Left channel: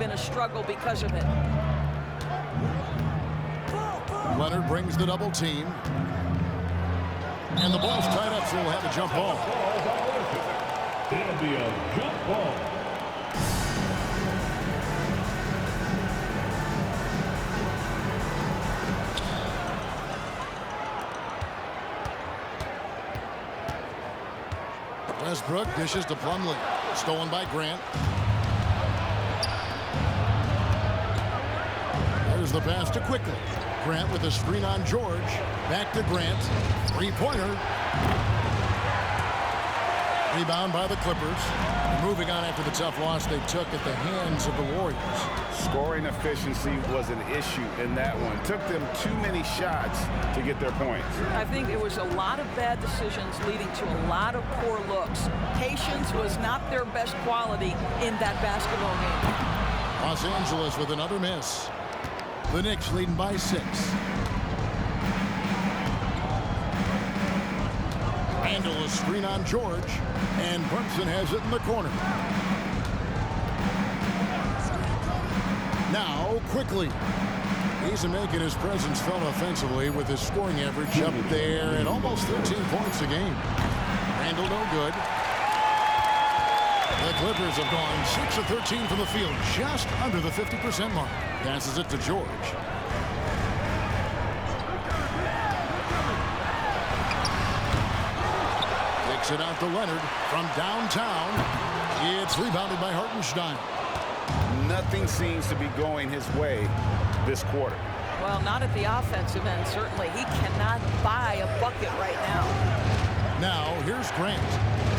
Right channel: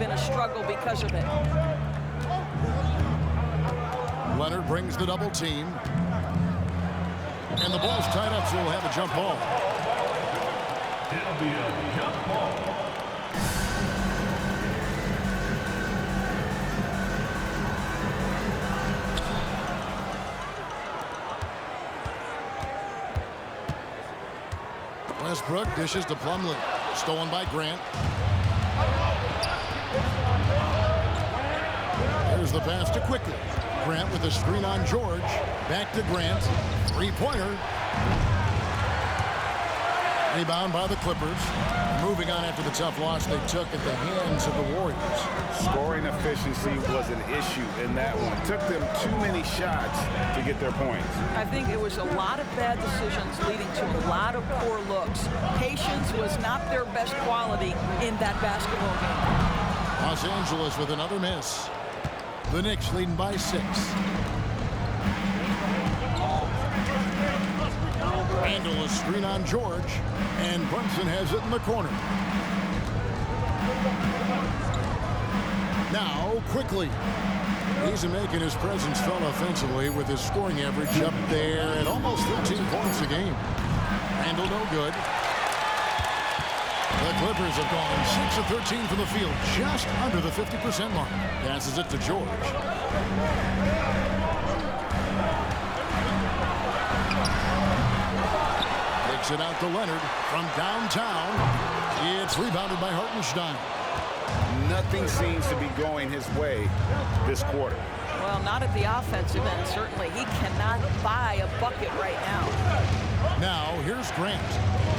been a struggle because of it. Leonard brings the double team. And the ball's tied up, so we'll have a jump ball. It'll be a jump ball. Westbrook dishes to Plumlee. Stolen by Grant. There's the pass to Quickly. Grant with a screen on George. Back to Grant. Three-pointer. Rebound by the Clippers. Moving on after the tough loss they took at the hands of the Warriors. Scoring efficiency was an issue in that one. Took them too many shots to get their points. I think it was a lot of bad decisions leading to a lot of poor looks. Patience was not their best quality in that basketball game. Los Angeles with another miss. The Knicks leading by 6. Randall a screen on George, and Brunson has it in the corner. Now Quickly. He's making his presence felt offensively with his scoring average up there at almost 13 points a game. Randall no good. The Clippers have gone 6 of 13 from the field, just under the 50% mark. Passes it to George. Takes it out to Leonard from downtown. It's rebounded by Hartenstein. Nothing seems to be going his way this quarter. Well, not at the offensive end, certainly. He cannot buy a bucket right now. Now, here's Grant.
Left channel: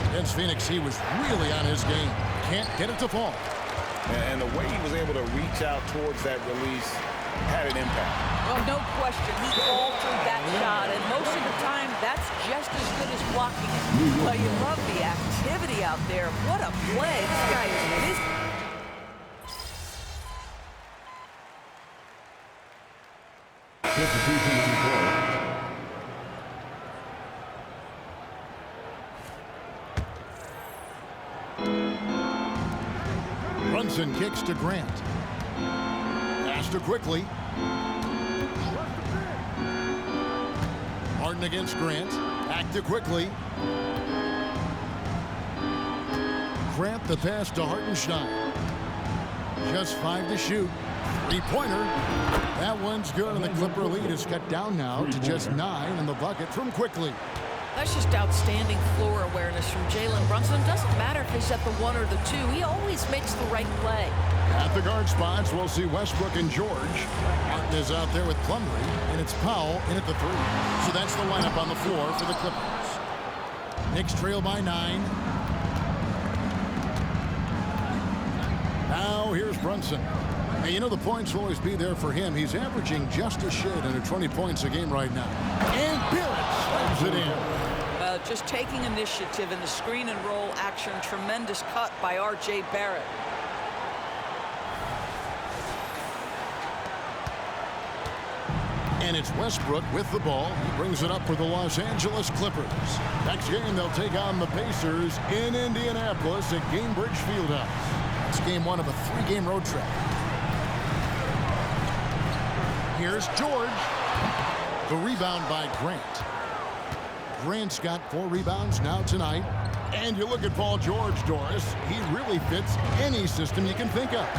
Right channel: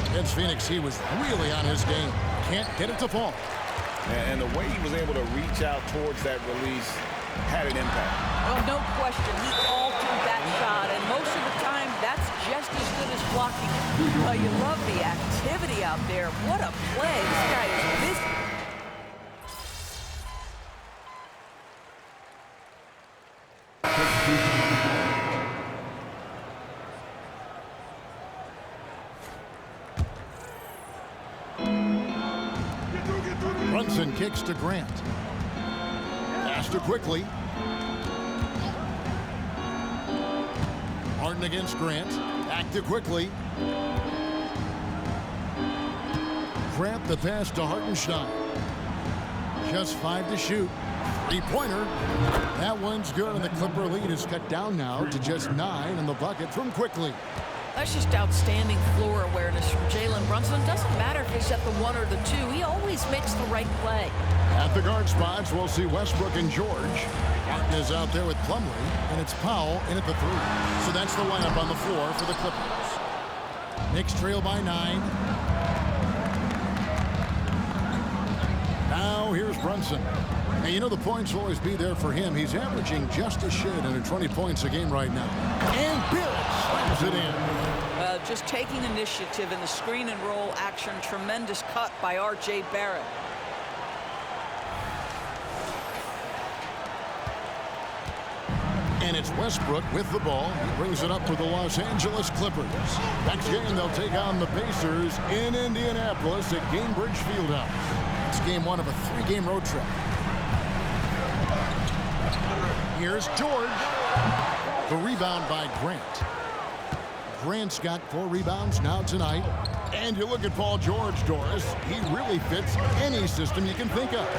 Against Phoenix, he was really on his game. Can't get it to fall. And the way he was able to reach out towards that release had an impact. Well, no question. He altered that shot, and most of the time, that's just as good as blocking it. Well, you love the activity out there. What a play. This guy is busy. Brunson kicks to Grant. Pass to Quickly. Harden against Grant. Back to Quickly. Grant the pass to Hartenstein. Just 5 to shoot. Three-pointer. That one's good, and the Clipper lead is cut down now to just 9 in the bucket from Quickly. That's just outstanding floor awareness from Jalen Brunson. Doesn't matter if he's at the 1 or the 2. He always makes the right play. At the guard spots, we'll see Westbrook and George. Martin is out there with Plumlee, and it's Powell in at the 3. So that's the lineup on the floor for the Clippers. Knicks trail by 9. Now here's Brunson. And you know the points will always be there for him. He's averaging just a shade under 20 points a game right now. And Barrett slams it in. Just taking initiative in the screen and roll action. Tremendous cut by R.J. Barrett. And it's Westbrook with the ball. He brings it up for the Los Angeles Clippers. Next game, they'll take on the Pacers in Indianapolis at Gainbridge Fieldhouse. It's game 1 of a 3-game road trip. Here's George. The rebound by Grant. Grant's got 4 rebounds now tonight. And you look at Paul George, Doris. He really fits any system you can think of.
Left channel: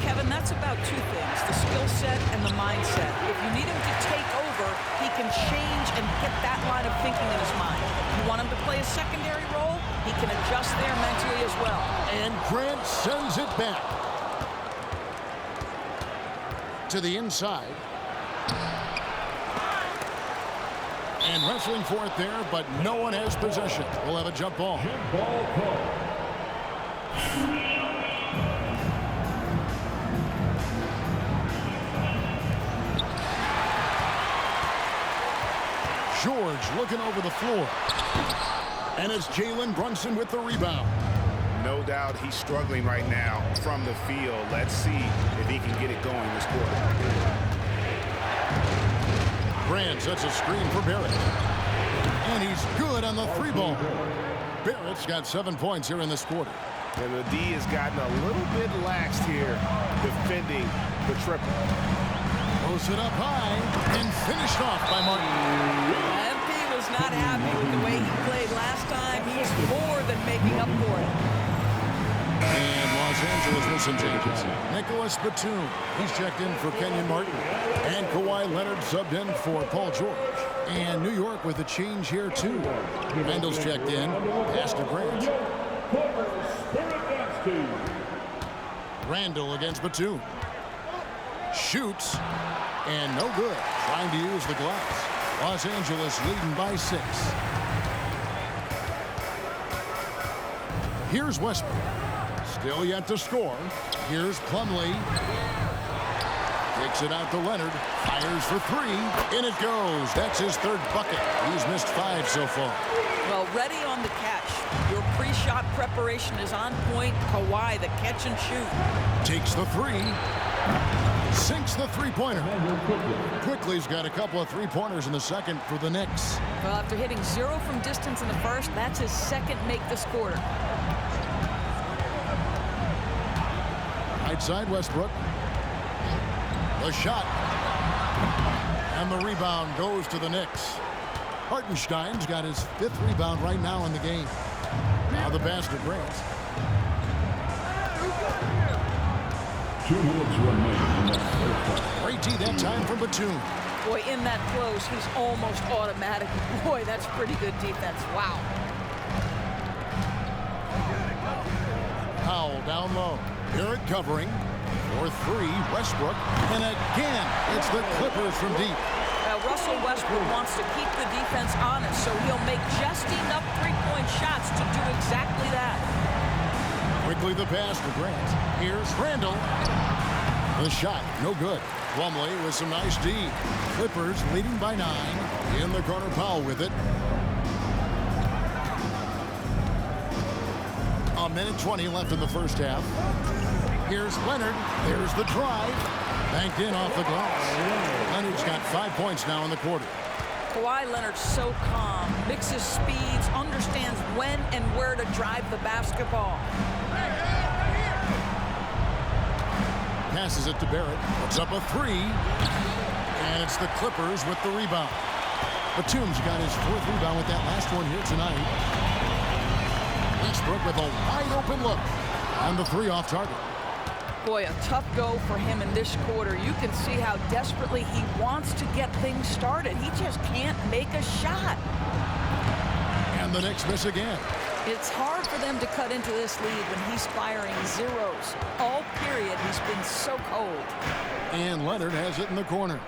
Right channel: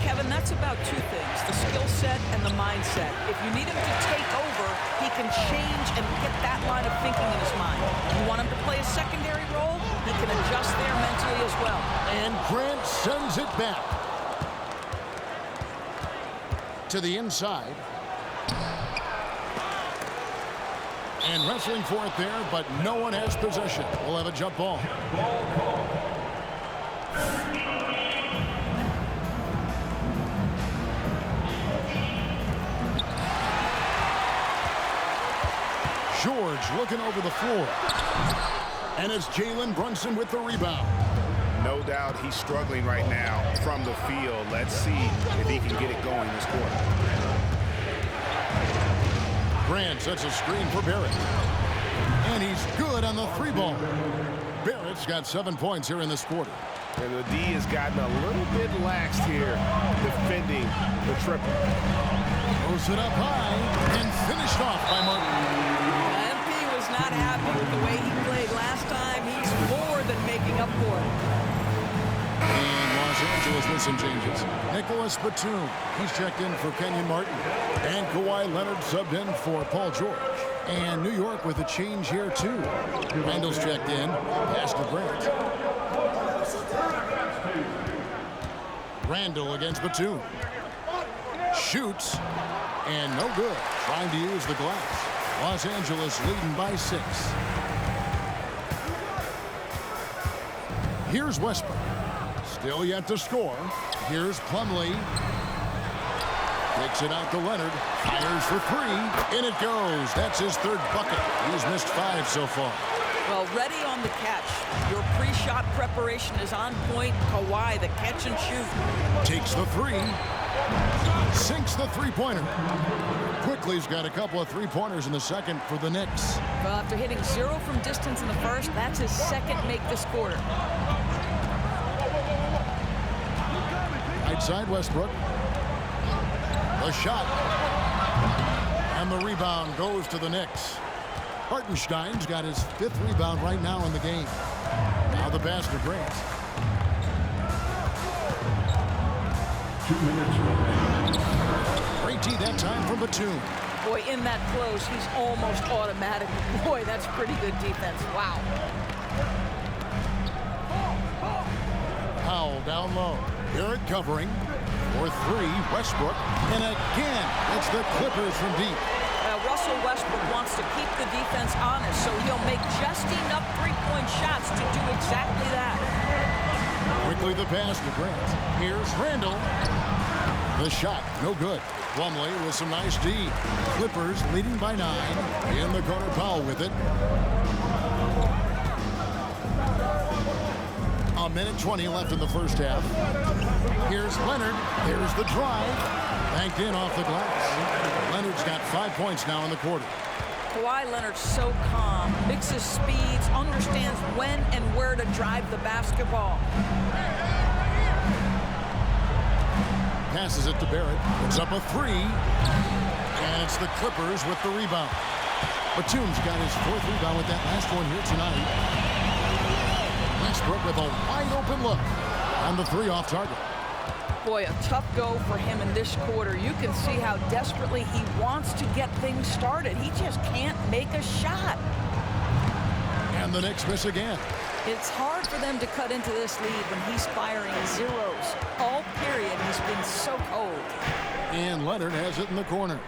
Kevin, that's about 2 things, the skill set and the mindset. If you need him to take over, he can change and get that line of thinking in his mind. You want him to play a secondary role, he can adjust there mentally as well. And Grant sends it back to the inside. And wrestling for it there, but no one has possession. We'll have a jump ball. Ball call. George looking over the floor. And it's Jalen Brunson with the rebound. No doubt he's struggling right now from the field. Let's see if he can get it going this quarter. Grant sets a screen for Barrett. And he's good on the 3 ball. Barrett's got 7 points here in this quarter. And the D has gotten a little bit laxed here defending the triple. Throws it up high and finished off by Martin. MP was not happy with the way he played last time. He's more than making up for it. And Los Angeles with some changes. Nicholas Batum, he's checked in for Kenyon Martin. And Kawhi Leonard subbed in for Paul George. And New York with a change here too. Randall's checked in, pass to Grant. Randall against Batum. Shoots, and no good. Trying to use the glass. Los Angeles leading by 6. Here's Westbrook. Still yet to score. Here's Plumlee. Kicks it out to Leonard. Fires for 3. In it goes. That's his 3rd bucket. He's missed 5 so far. Well, ready on the catch. Your pre-shot preparation is on point. Kawhi, the catch and shoot. Takes the 3. Sinks the three-pointer. Quickly's got a couple of three-pointers in the second for the Knicks. Well, after hitting 0 from distance in the first, that's his 2nd make this quarter. Right side, Westbrook. The shot. And the rebound goes to the Knicks. Hartenstein's got his 5th rebound right now in the game. Now the pass to Grant. 2 minutes remaining. Great D that time from Batum. Boy, in that close, he's almost automatic. Boy, that's pretty good defense. Wow. Powell down low. Barrett covering. For 3, Westbrook. And again, it's the Clippers from deep. Russell Westbrook wants to keep the defense honest, so he'll make just enough three-point shots to do exactly that. Quickly the pass to Grant. Here's Randall. The shot, no good. Plumlee with some nice D. Clippers leading by 9. In the corner, Powell with it. A minute 20 left in the first half. Here's Leonard. There's the drive. Banked in off the glass. Leonard's got 5 points now in the quarter. Kawhi Leonard's so calm, mixes speeds, understands when and where to drive the basketball. Passes it to Barrett. Puts up a 3. And it's the Clippers with the rebound. Batum's got his 4th rebound with that last one here tonight. Westbrook with a wide open look. And the 3 off target. Boy, a tough go for him in this quarter. You can see how desperately he wants to get things started. He just can't make a shot. And the Knicks miss again. It's hard for them to cut into this lead when he's firing zeros. All period, he's been so cold. And Leonard has it in the corner.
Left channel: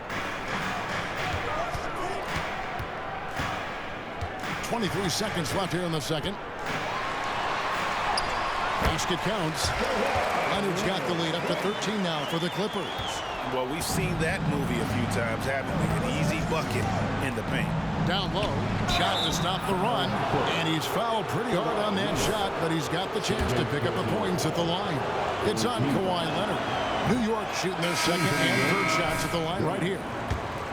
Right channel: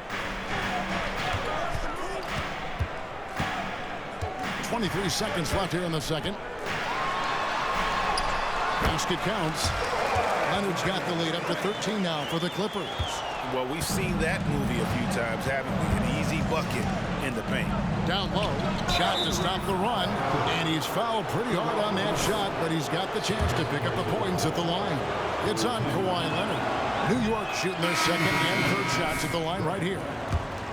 23 seconds left here in the second. Basket counts. Leonard's got the lead up to 13 now for the Clippers. Well, we've seen that movie a few times, haven't we? An easy bucket in the paint. Down low, shot to stop the run, and he's fouled pretty hard on that shot, but he's got the chance to pick up the points at the line. It's on Kawhi Leonard. New York shooting their 2nd and 3rd shots at the line right here.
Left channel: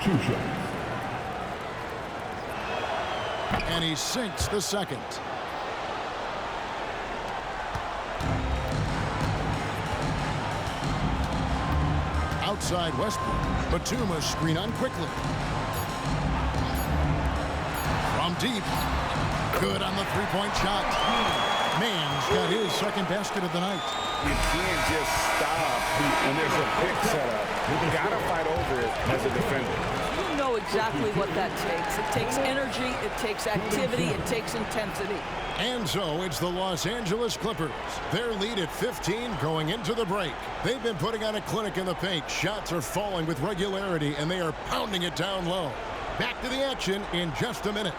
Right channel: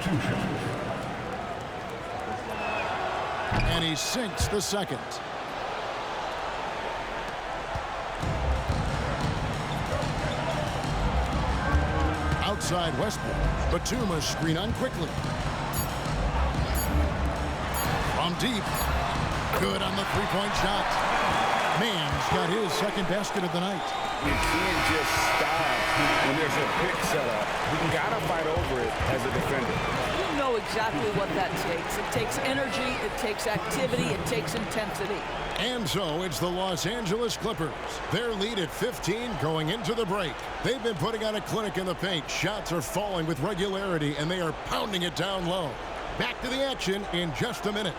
2 shots. And he sinks the 2nd. Outside Westbrook. Batum screen on quickly. From deep. Good on the 3-point shot. Mann's got his 2nd basket of the night. You can't just stop when there's a pick set up. You gotta fight over it as a defender. You know exactly what that takes. It takes energy, it takes activity, it takes intensity. And so it's the Los Angeles Clippers. Their lead at 15 going into the break. They've been putting on a clinic in the paint. Shots are falling with regularity, and they are pounding it down low. Back to the action in just a minute.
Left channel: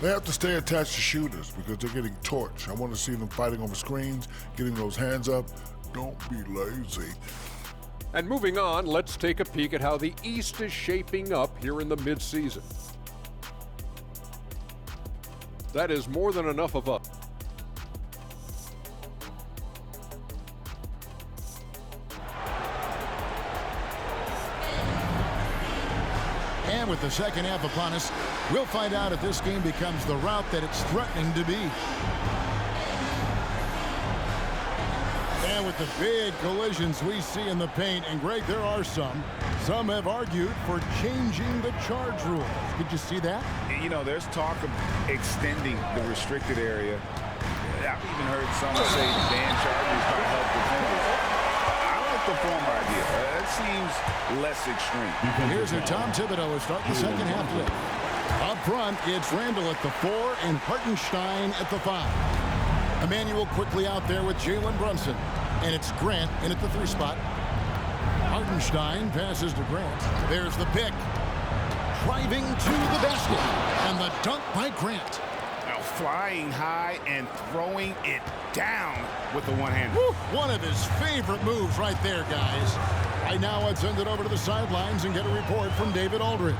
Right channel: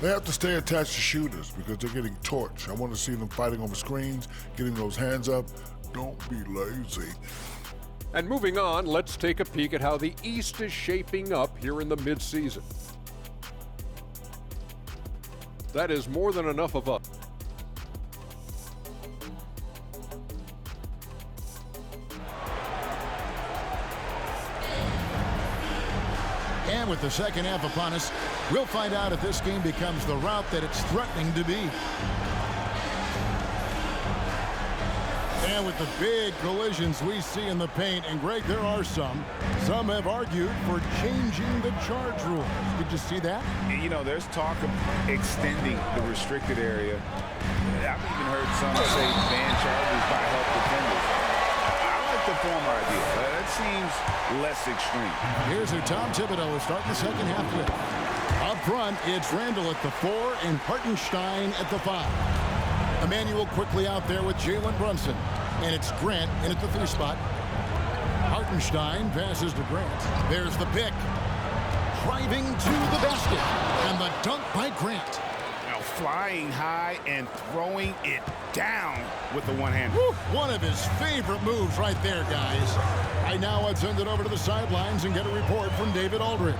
They have to stay attached to shooters because they're getting torched. I want to see them fighting over screens, getting those hands up. Don't be lazy. And moving on, let's take a peek at how the East is shaping up here in the midseason. That is more than enough of us. And with the second half upon us, we'll find out if this game becomes the rout that it's threatening to be. And with the big collisions we see in the paint, and Greg, there are some have argued for changing the charge rules. Did you see that? You know, there's talk of extending the restricted area. I've even heard some say ban charges by help defenders. I like the former idea. That seems less extreme. Here's who Tom Thibodeau is starting the second half with. Up front, it's Randall at the 4 and Hartenstein at the 5. Emmanuel quickly out there with Jalen Brunson. And it's Grant in at the 3 spot. Hartenstein passes to Grant. There's the pick. Driving to the basket. And the dunk by Grant. Now flying high and throwing it down with the one-hander. One of his favorite moves right there, guys. Right now, let's send it over to the sidelines and get a report from David Aldridge.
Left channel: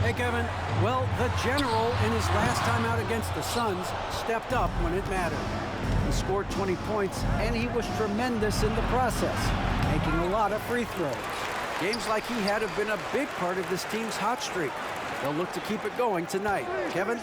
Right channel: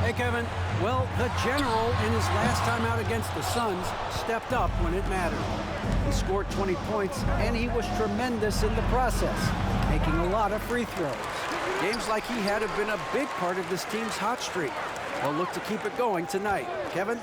Hey, Kevin. Well, the general in his last time out against the Suns stepped up when it mattered. He scored 20 points, and he was tremendous in the process, making a lot of free throws. Games like he had have been a big part of this team's hot streak. They'll look to keep it going tonight. Kevin?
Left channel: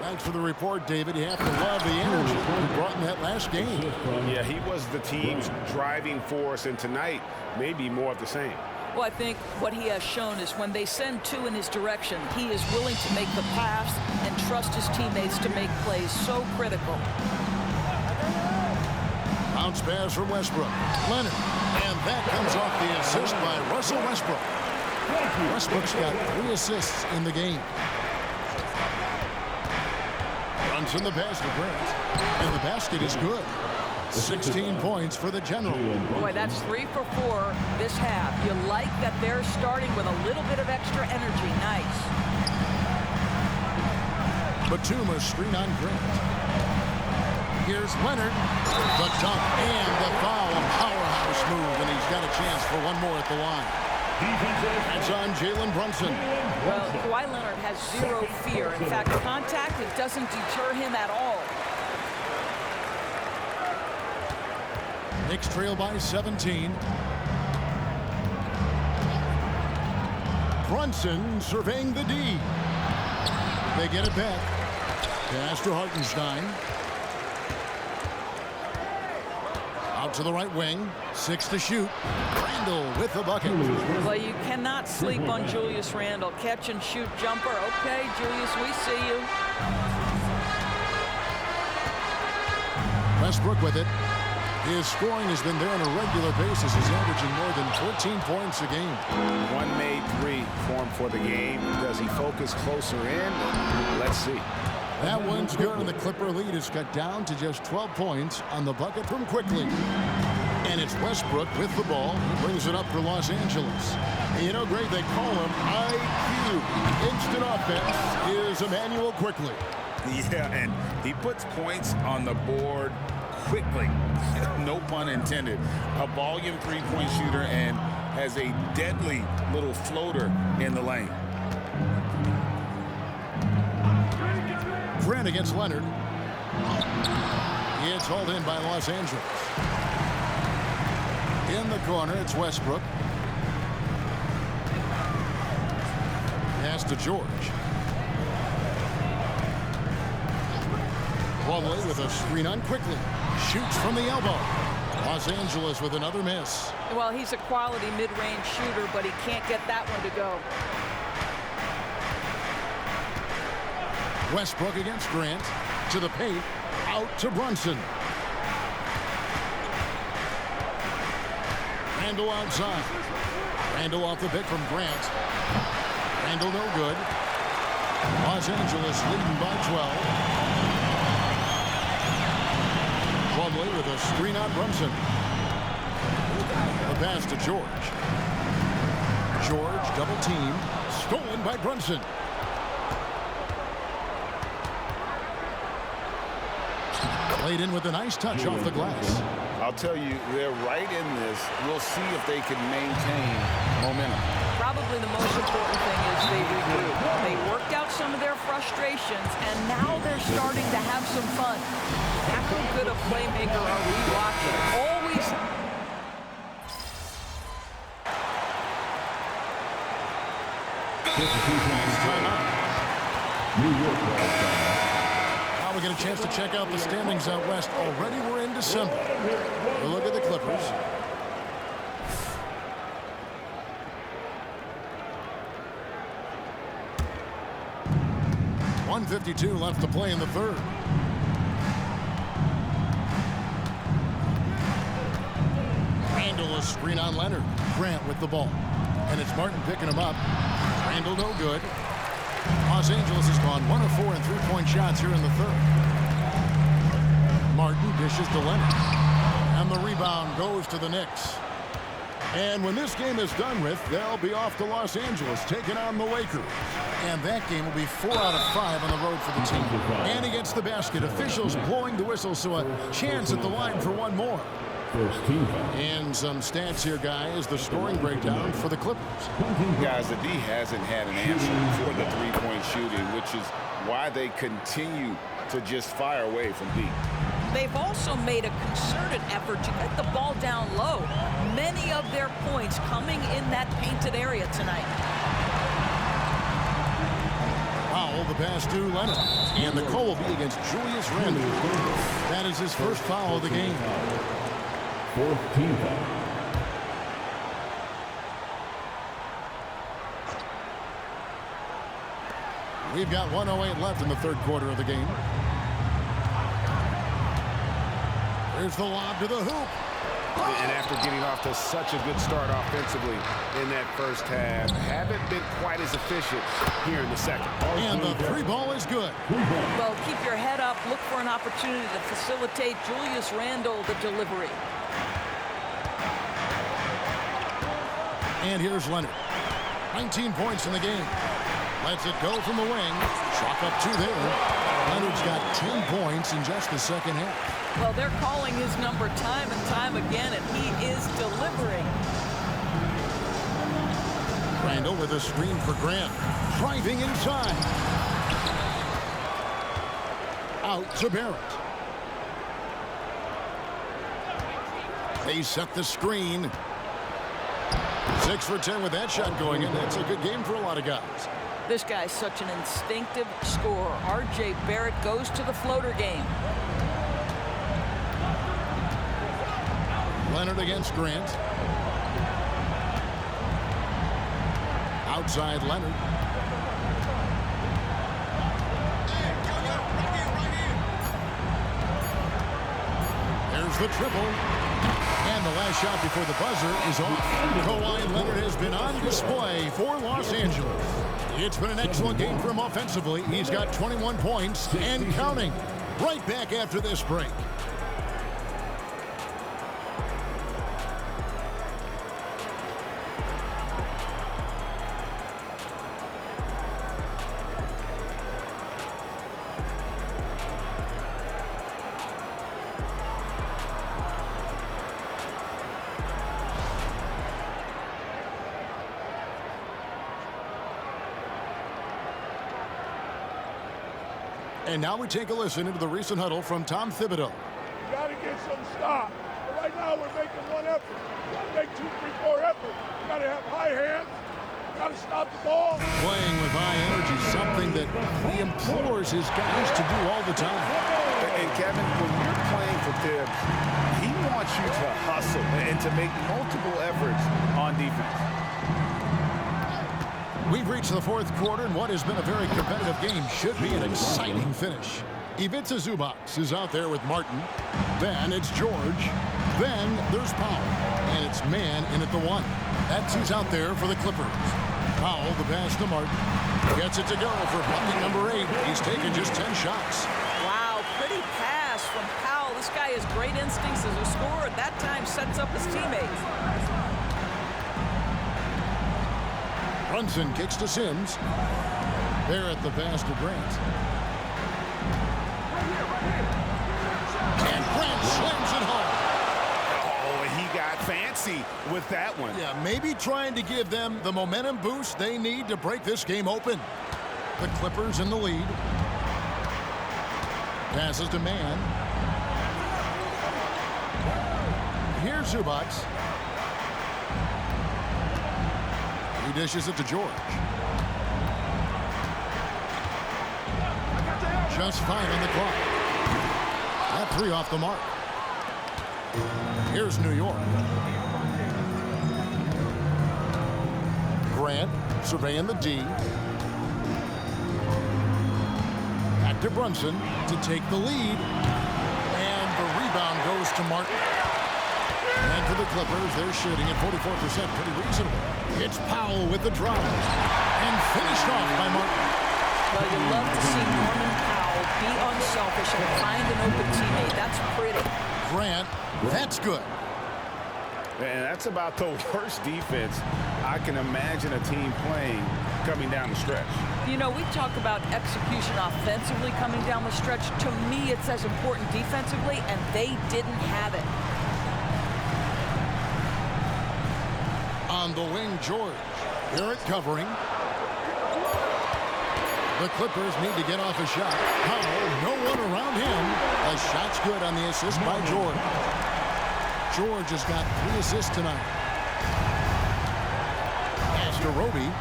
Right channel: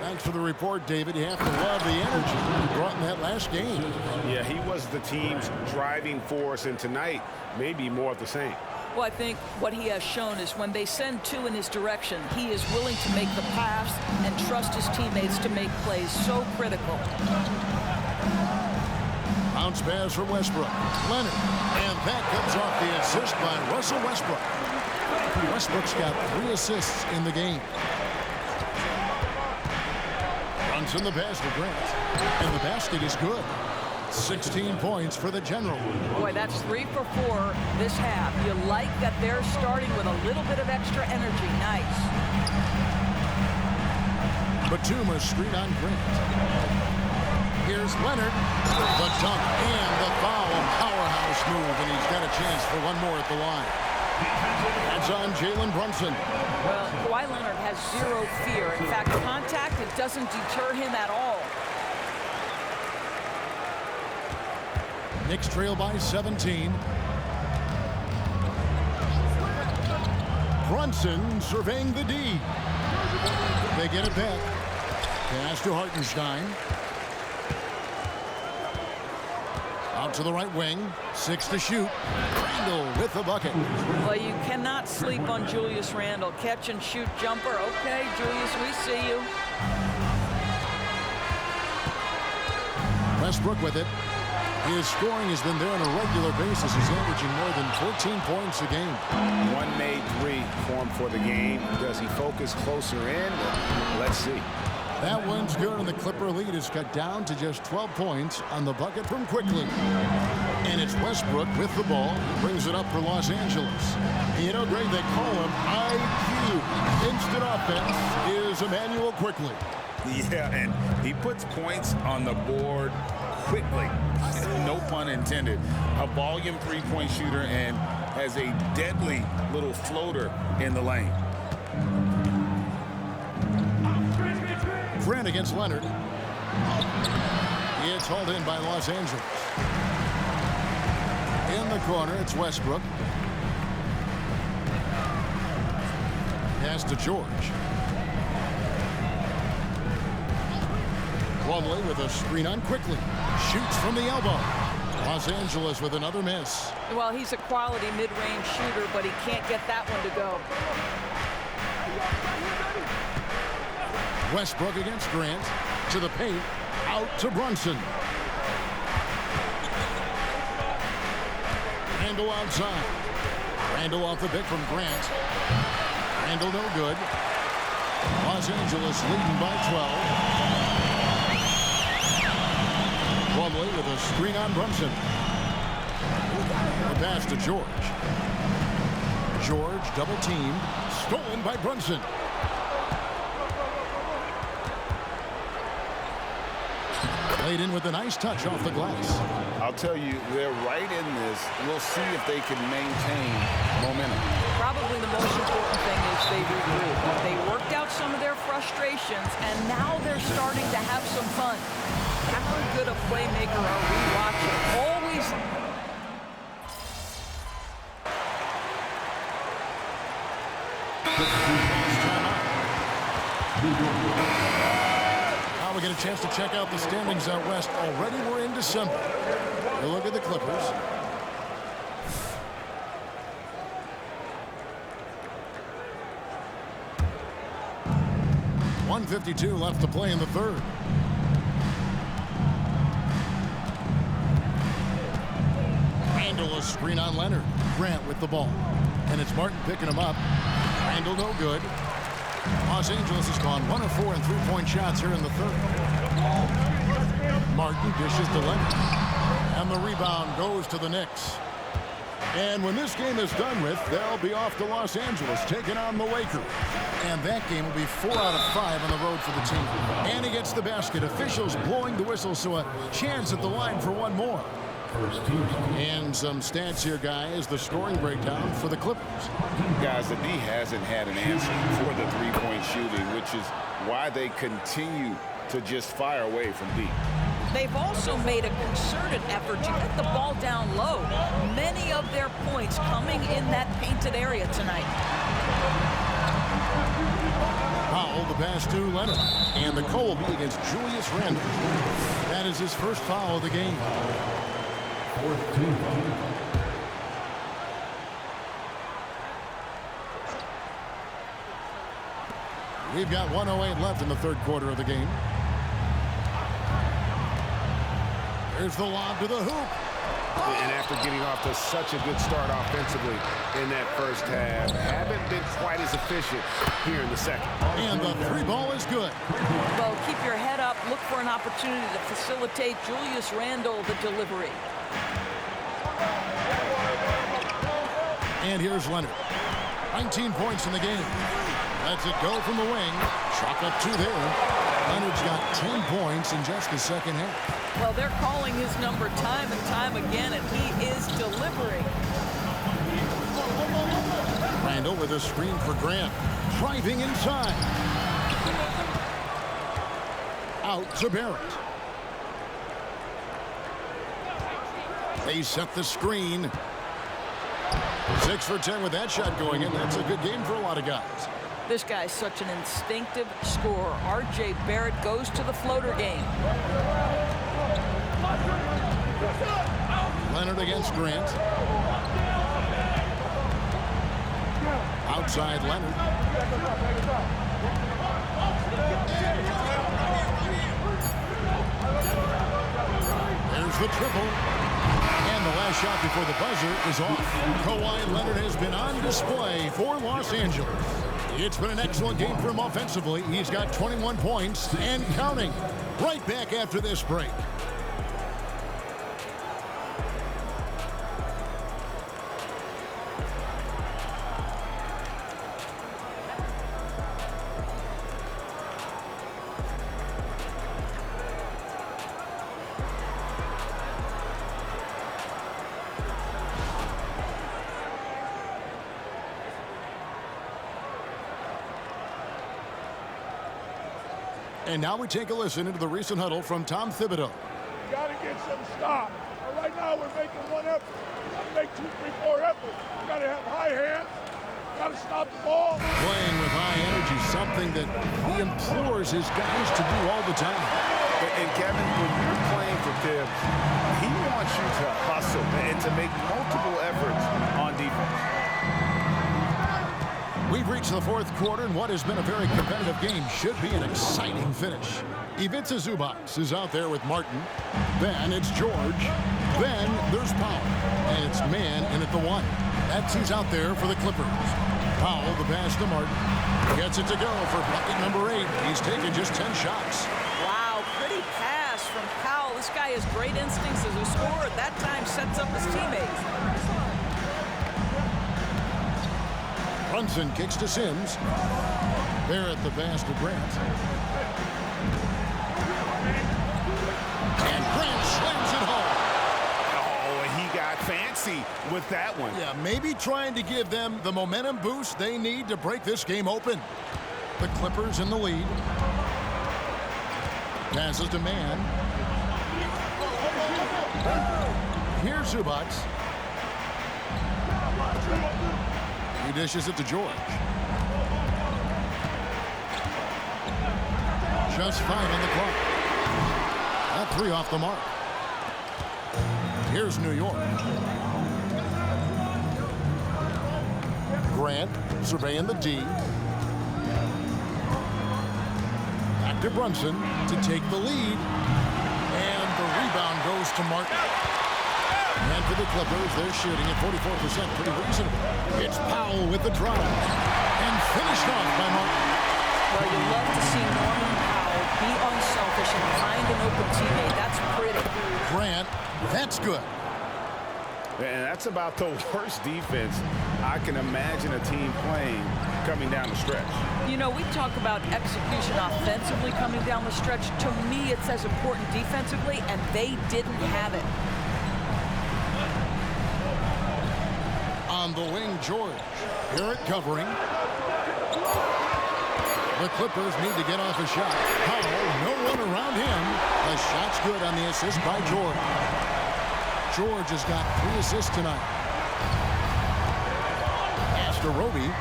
Thanks for the report, David. You have to love the energy he brought in that last game. Yeah, he was the team's driving force, and tonight, maybe more of the same. Well, I think what he has shown is when they send 2 in his direction, he is willing to make the pass and trust his teammates to make plays so critical. Bounce pass from Westbrook. Leonard. And that comes off the assist by Russell Westbrook. Westbrook's got 3 assists in the game. Brunson the pass to Grant. And the basket is good. 16 points for the General. Boy, that's 3 for 4 this half. You like that they're starting with a little bit of extra energy. Nice. Batum screen on Grant. Here's Leonard. The dunk and the foul. A powerhouse move, and he's got a chance for one more at the line. That's on Jalen Brunson. Well, Kawhi Leonard has 0 fear. In fact, contact, it doesn't deter him at all. Knicks trail by 17. Brunson surveying the D. They get it back. Pass to Hartenstein. Out to the right wing. 6 to shoot. Randall with the bucket. Well, you cannot sleep on Julius Randall. Catch and shoot jumper. Okay, Julius, we see you. Westbrook with it. His scoring has been there on a regular basis. He's averaging more than 14 points a game. 1 made 3 for him for the game. Does he focus closer in? Let's see. That one's good, and the Clipper lead is cut down to just 12 points on the bucket from Quickly. And it's Westbrook with the ball. He brings it up for Los Angeles. And you know, Greg, they call him IQ. Instant offense is Emmanuel Quickly. Yeah, and he puts points on the board quickly. No pun intended. A volume 3-point shooter and has a deadly little floater in the lane. Grant against Leonard. It's hauled in by Los Angeles. In the corner, it's Westbrook. Pass to George. Plumlee with a screen on Quickly. Shoots from the elbow. Los Angeles with another miss. Well, he's a quality mid-range shooter, but he can't get that one to go. Westbrook against Grant. To the paint. Out to Brunson. Randall outside. Randall off the pick from Grant. Randall no good. Los Angeles leading by 12. Plumlee with a screen on Brunson. The pass to George. George double teamed. Stolen by Brunson. Played in with a nice touch off the glass. I'll tell you, they're right in this. We'll see if they can maintain momentum. Probably the most important thing is they regroup. They worked out some of their frustrations, and now they're starting to have some fun. How good a playmaker are we watching? Always. Timeout. Now we get a chance to check out the standings out west. Already we're in December. A look at the Clippers. .152 left to play in the third. Randall, a screen on Leonard. Grant with the ball. And it's Martin picking him up. Randall no good. Los Angeles has gone 1 of 4 in three-point shots here in the third. Martin dishes to Leonard. And the rebound goes to the Knicks. And when this game is done with, they'll be off to Los Angeles, taking on the Lakers. And that game will be 4 out of 5 on the road for the team. And he gets the basket. Officials blowing the whistle, so a chance at the line for one more. First team. And some stats here, guys. The scoring breakdown for the Clippers. Guys, the D hasn't had an answer for the three-point shooting, which is why they continue to just fire away from deep. They've also made a concerted effort to get the ball down low. Many of their points coming in that painted area tonight. Powell, the pass to Leonard. And the call will be against Julius Randle. That is his first foul of the game. Fourth team. We've got 1:08 left in the third quarter of the game. There's the lob to the hoop. And after getting off to such a good start offensively in that first half, haven't been quite as efficient here in the second. And the three ball is good. Well, keep your head up. Look for an opportunity to facilitate Julius Randle the delivery. And here's Leonard. 19 points in the game. Lets it go from the wing. Chalk up 2 there. Leonard's got 10 points in just the second half. Well, they're calling his number time and time again, and he is delivering. Randall with a screen for Grant. Driving inside. Out to Barrett. They set the screen. 6 for 10 with that shot going in. That's a good game for a lot of guys. This guy's such an instinctive scorer. R.J. Barrett goes to the floater game. Leonard against Grant. Outside Leonard. There's the triple. And the last shot before the buzzer is off. Kawhi Leonard has been on display for Los Angeles. It's been an excellent game for him offensively. He's got 21 points and counting. Right back after this break. And now we take a listen into the recent huddle from Tom Thibodeau. You got to get some stop. Right now we're making one effort. You got to make 2, 3, 4 efforts. You got to have high hands. You got to stop the ball. Playing with high energy, something that he implores his guys to do all the time. And Kevin, when you're playing for Tibbs, he wants you to hustle and to make multiple efforts on defense. We've reached the fourth quarter, and what has been a very competitive game should be an exciting finish. Ivica Zubac is out there with Martin. Then it's George. Then there's Powell. And it's Mann in at the 1. That's who's out there for the Clippers. Powell, the pass to Martin. Gets it to go for bucket number 8. He's taken just 10 shots. Wow, pretty pass from Powell. This guy has great instincts as a scorer. At that time, sets up his teammates. Brunson kicks to Sims. Barrett the pass to Grant. And Grant slams it home. he got fancy with that one. Yeah, maybe trying to give them the momentum boost they need to break this game open. The Clippers in the lead. Passes to Mann. Here's Zubac. He dishes it to George. Just 5 on the clock. That 3 off the mark. Here's New York. Grant surveying the D. Back to Brunson to take the lead. And the rebound goes to Martin. And for the Clippers, they're shooting at 44%. Pretty reasonable. It's Powell with the drive. And finished off by Martin. Well, you love to see Norman Powell be unselfish and find an open teammate. That's pretty. Grant, that's good. And that's about the worst defense I can imagine a team playing coming down the stretch. You know, we talk about execution offensively coming down the stretch. To me, it's as important defensively, and they didn't have it. On the wing, George. Garrett covering. The Clippers need to get off a shot. Powell, no one around him. The shot's good on the assist by George. George has got 3 assists tonight. Pass to Roby.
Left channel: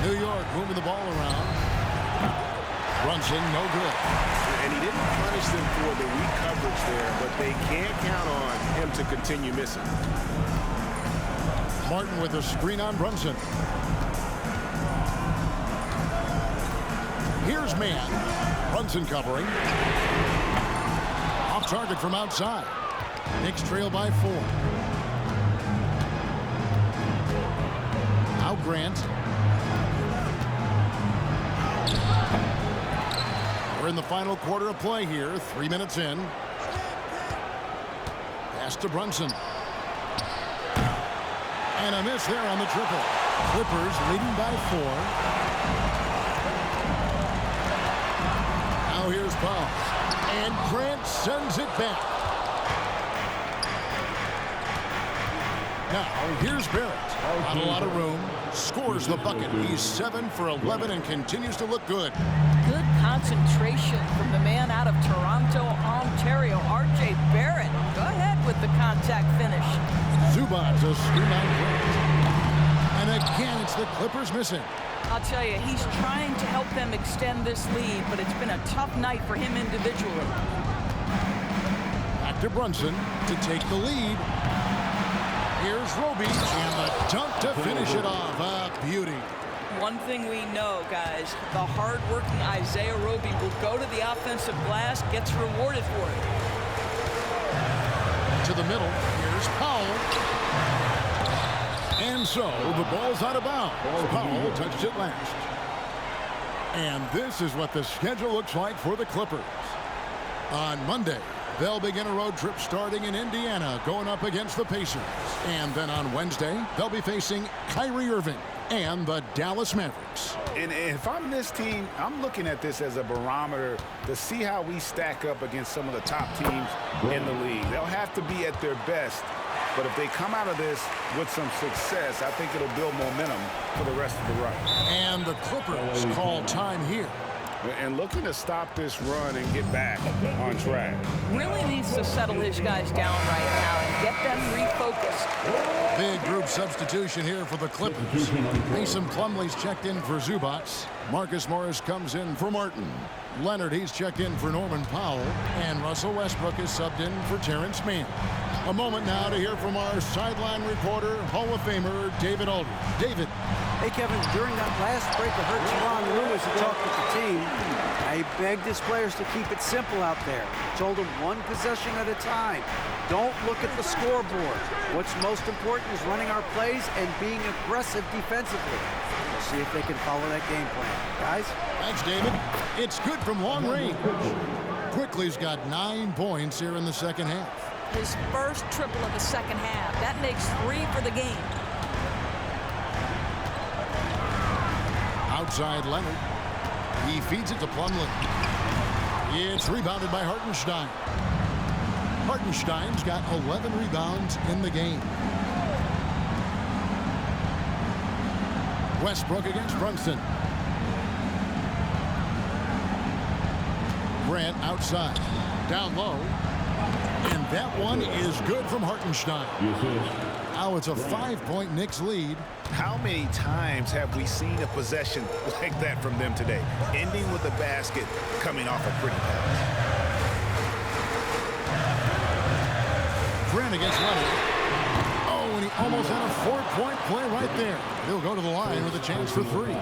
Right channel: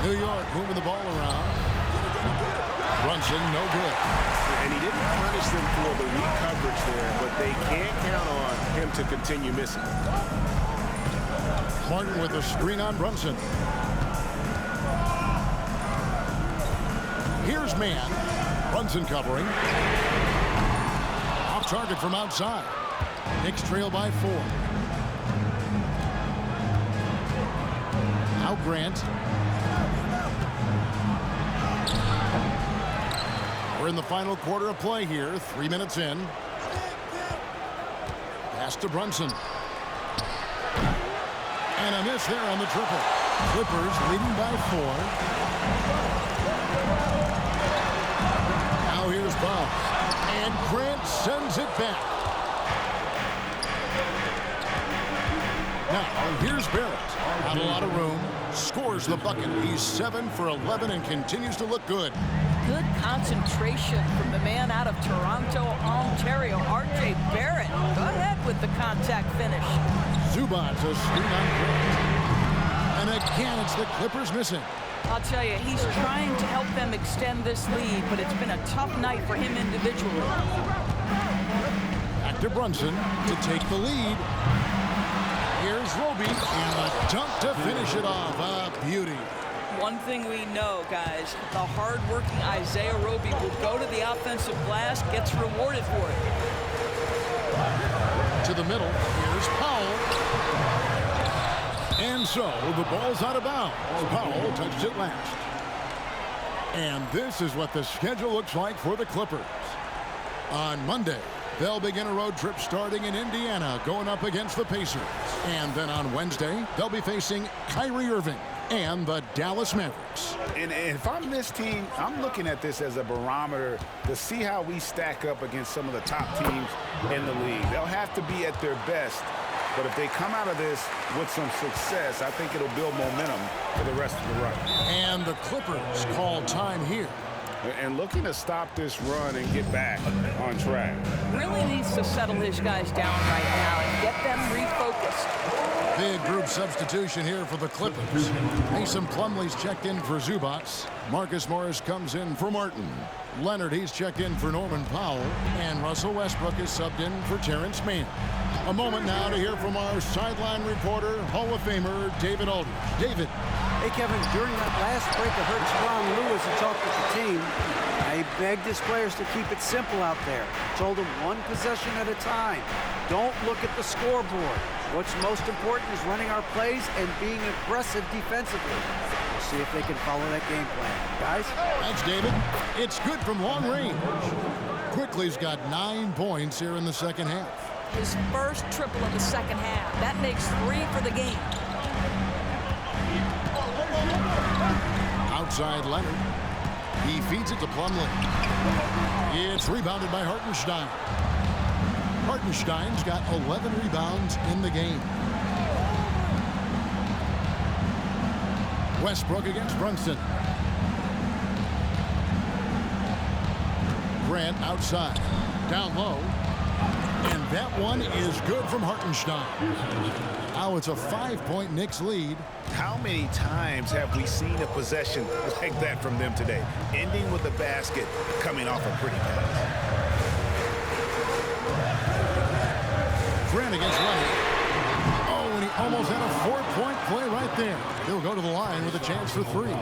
New York moving the ball around. Brunson, no good. And he didn't punish them for the weak coverage there, but they can't count on him to continue missing. Martin with a screen on Brunson. Here's Mann. Brunson covering. Off target from outside. Knicks trail by 4. Now Grant. We're in the final quarter of play here. 3 minutes in. Pass to Brunson. And a miss there on the triple. Clippers leading by 4. Now here's Powell. And Grant sends it back. Now here's Barrett. Not a lot of room. Scores the bucket. He's 7 for 11 and continues to look good. Good concentration from the man out of Toronto, Ontario, R.J. Barrett. Go ahead with the contact finish. Zubac a screen on Grant. And again, it's the Clippers missing. I'll tell you, he's trying to help them extend this lead, but it's been a tough night for him individually. Back to Brunson to take the lead. Here's Roby and the dunk to finish it off. A beauty. One thing we know, guys, the hard-working Isaiah Roby will go to the offensive glass, gets rewarded for it. To the middle, here's Powell. And so, the ball's out of bounds. Powell touched it last. And this is what the schedule looks like for the Clippers. On Monday, they'll begin a road trip starting in Indiana, going up against the Pacers. And then on Wednesday, they'll be facing Kyrie Irving and the Dallas Mavericks. And if I'm this team, I'm looking at this as a barometer to see how we stack up against some of the top teams in the league. They'll have to be at their best, but if they come out of this with some success, I think it'll build momentum for the rest of the run. And the Clippers call time here. And looking to stop this run and get back on track. Really needs to settle his guys down right now and get them refocused. Big group substitution here for the Clippers. Mason Plumlee's checked in for Zubac. Marcus Morris comes in for Martin. Leonard, he's checked in for Norman Powell. And Russell Westbrook is subbed in for Terrence Mann. A moment now to hear from our sideline reporter, Hall of Famer David Aldridge. David. Hey, Kevin, during that last break, I heard Teron Lewis who talked with the team. I begged his players to keep it simple out there. Told them one possession at a time. Don't look at the scoreboard. What's most important is running our plays and being aggressive defensively. We'll see if they can follow that game plan. Guys? Thanks, David. It's good from long range. Quickly's got 9 points here in the second half. His first triple of the second half. That makes 3 for the game. Outside Leonard. He feeds it to Plumlee. It's rebounded by Hartenstein. Hartenstein's got 11 rebounds in the game. Westbrook against Brunson. Grant outside. Down low. And that one is good from Hartenstein. Now it's a 5-point Knicks lead. How many times have we seen a possession like that from them today? Ending with a basket, coming off a pretty pass. Grant against Leonard. Oh, and he almost had a 4-point play right there. He'll go to the line with a chance for 3.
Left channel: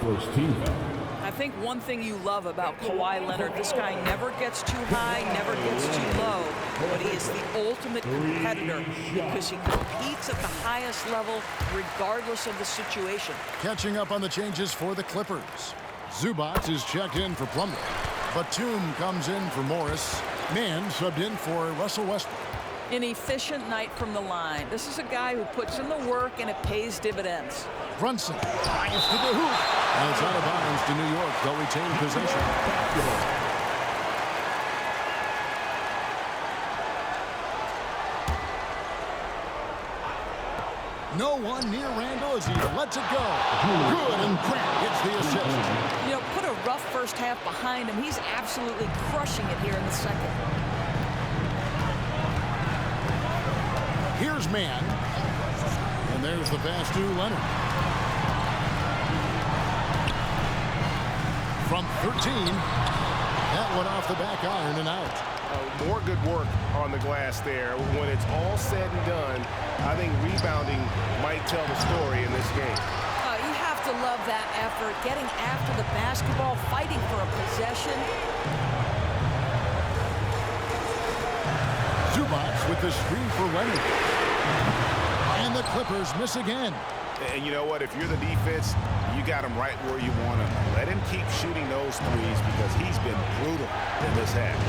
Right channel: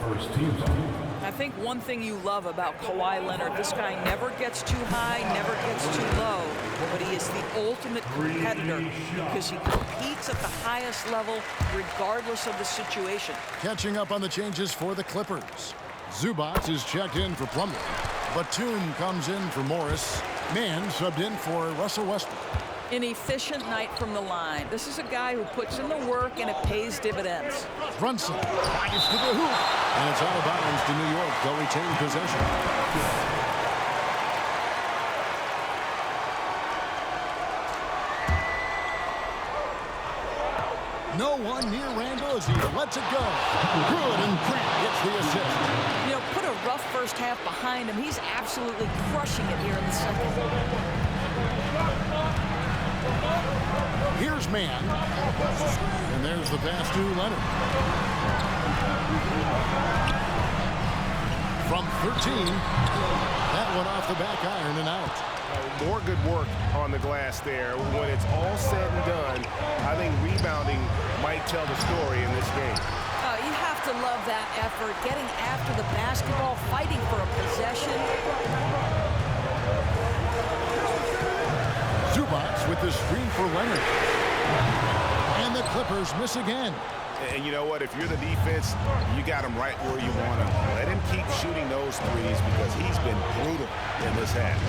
First team foul. I think one thing you love about Kawhi Leonard, this guy never gets too high, never gets too low, but he is the ultimate competitor because he competes at the highest level regardless of the situation. Catching up on the changes for the Clippers. Zubac is checked in for Plumlee. Batum comes in for Morris. Mann subbed in for Russell Westbrook. An efficient night from the line. This is a guy who puts in the work and it pays dividends. Brunson drives to the hoop. And it's out of bounds to New York. They'll retain possession. No one near Randall as he lets it go. Good, and Grant gets the assist. You know, put a rough first half behind him. He's absolutely crushing it here in the second. Here's Mann. And there's the pass to Leonard. From 13, that one off the back iron and out. More good work on the glass there. When it's all said and done, I think rebounding might tell the story in this game. You have to love that effort, getting after the basketball, fighting for a possession. Zubac with the screen for Leonard. And the Clippers miss again. And you know what? If you're the defense, you got him right where you want him. Let him keep shooting those threes because he's been brutal in this half.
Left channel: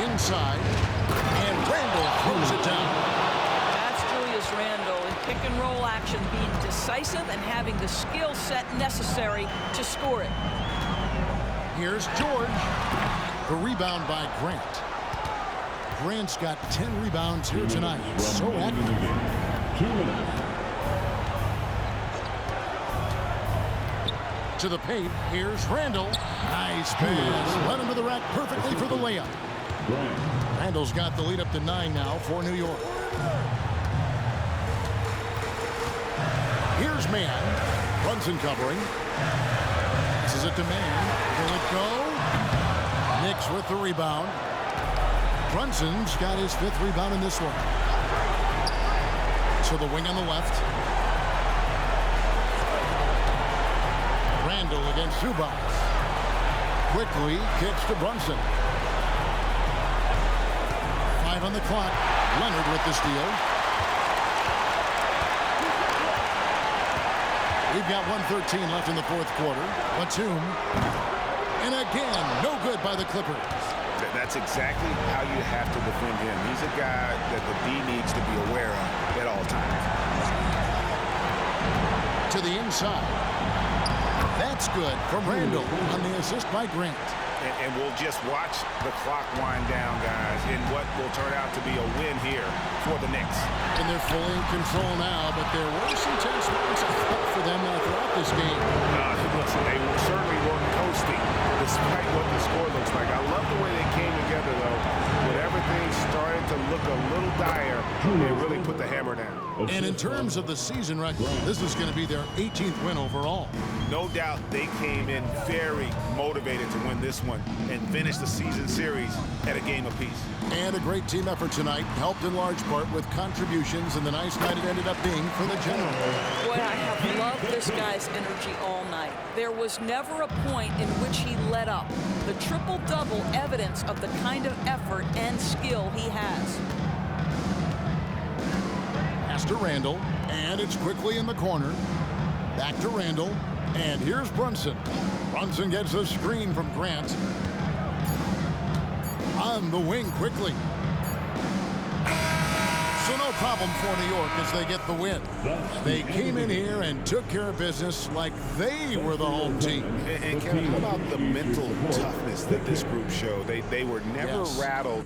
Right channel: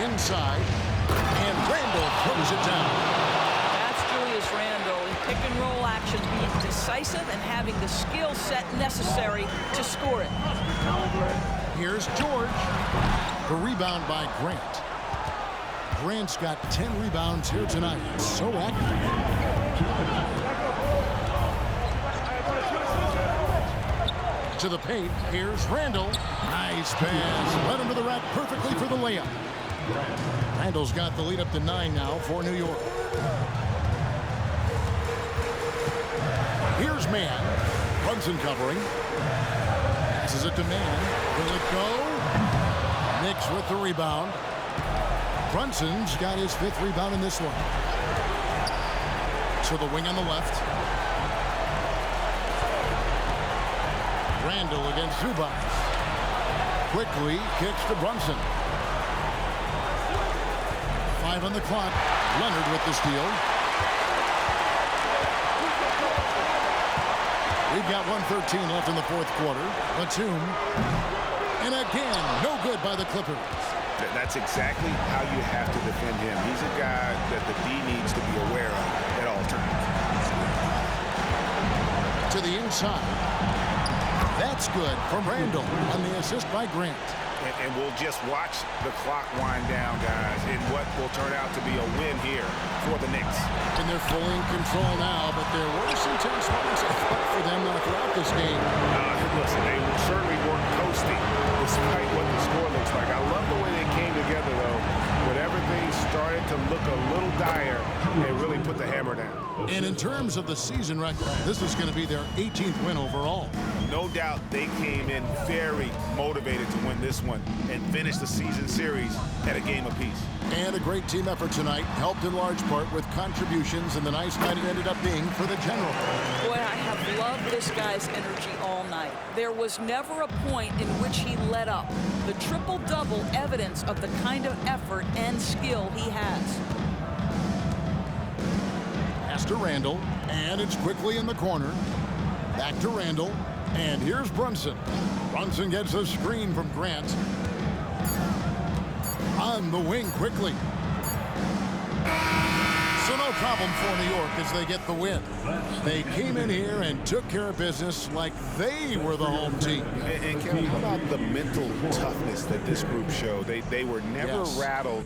Inside, and Randall throws it down. That's Julius Randle in pick-and-roll action, being decisive and having the skill set necessary to score it. Here's George. The rebound by Grant. Grant's got 10 rebounds here tonight. So active. 2 minutes. To the paint, here's Randall. Nice pass. Led him to the rack perfectly for the layup. Randall's got the lead up to 9 now for New York. Here's Mann. Brunson covering. Passes it to Mann. Will it go? Knicks with the rebound. Brunson's got his 5th rebound in this one. To the wing on the left. Randall against Zubac. Quickly kicks to Brunson. 5 on the clock. Leonard with the steal. We've got 1:13 left in the 4th quarter. Batum. And again, no good by the Clippers. That's exactly how you have to defend him. He's a guy that the D needs to be aware of at all times. To the inside. That's good from Randall on the assist by Grant. And we'll just watch the clock wind down, guys, in what will turn out to be a win here for the Knicks. And they're fully in control now, but there were some tense moments, I thought, for them throughout this game. Listen, they certainly weren't coasting, despite what the score looks like. I love the way they came together, though. When everything started to look a little dire, they really put the hammer down. And in terms of the season record, this is going to be their 18th win overall. No doubt they came in very motivated to win this one and finish the season series at a game apiece. And a great team effort tonight, helped in large part with contributions, and the nice night it ended up being for the General. Boy, I have loved this guy's energy all night. There was never a point in which he let up. The triple-double evidence of the kind of effort and skill he has. Pass to Randall, and it's quickly in the corner. Back to Randall, and here's Brunson. Brunson gets a screen from Grant. On the wing quickly. So no problem for New York as they get the win. They came in here and took care of business like they were the home team. And Kevin, how about the mental toughness that this group showed? They were never rattled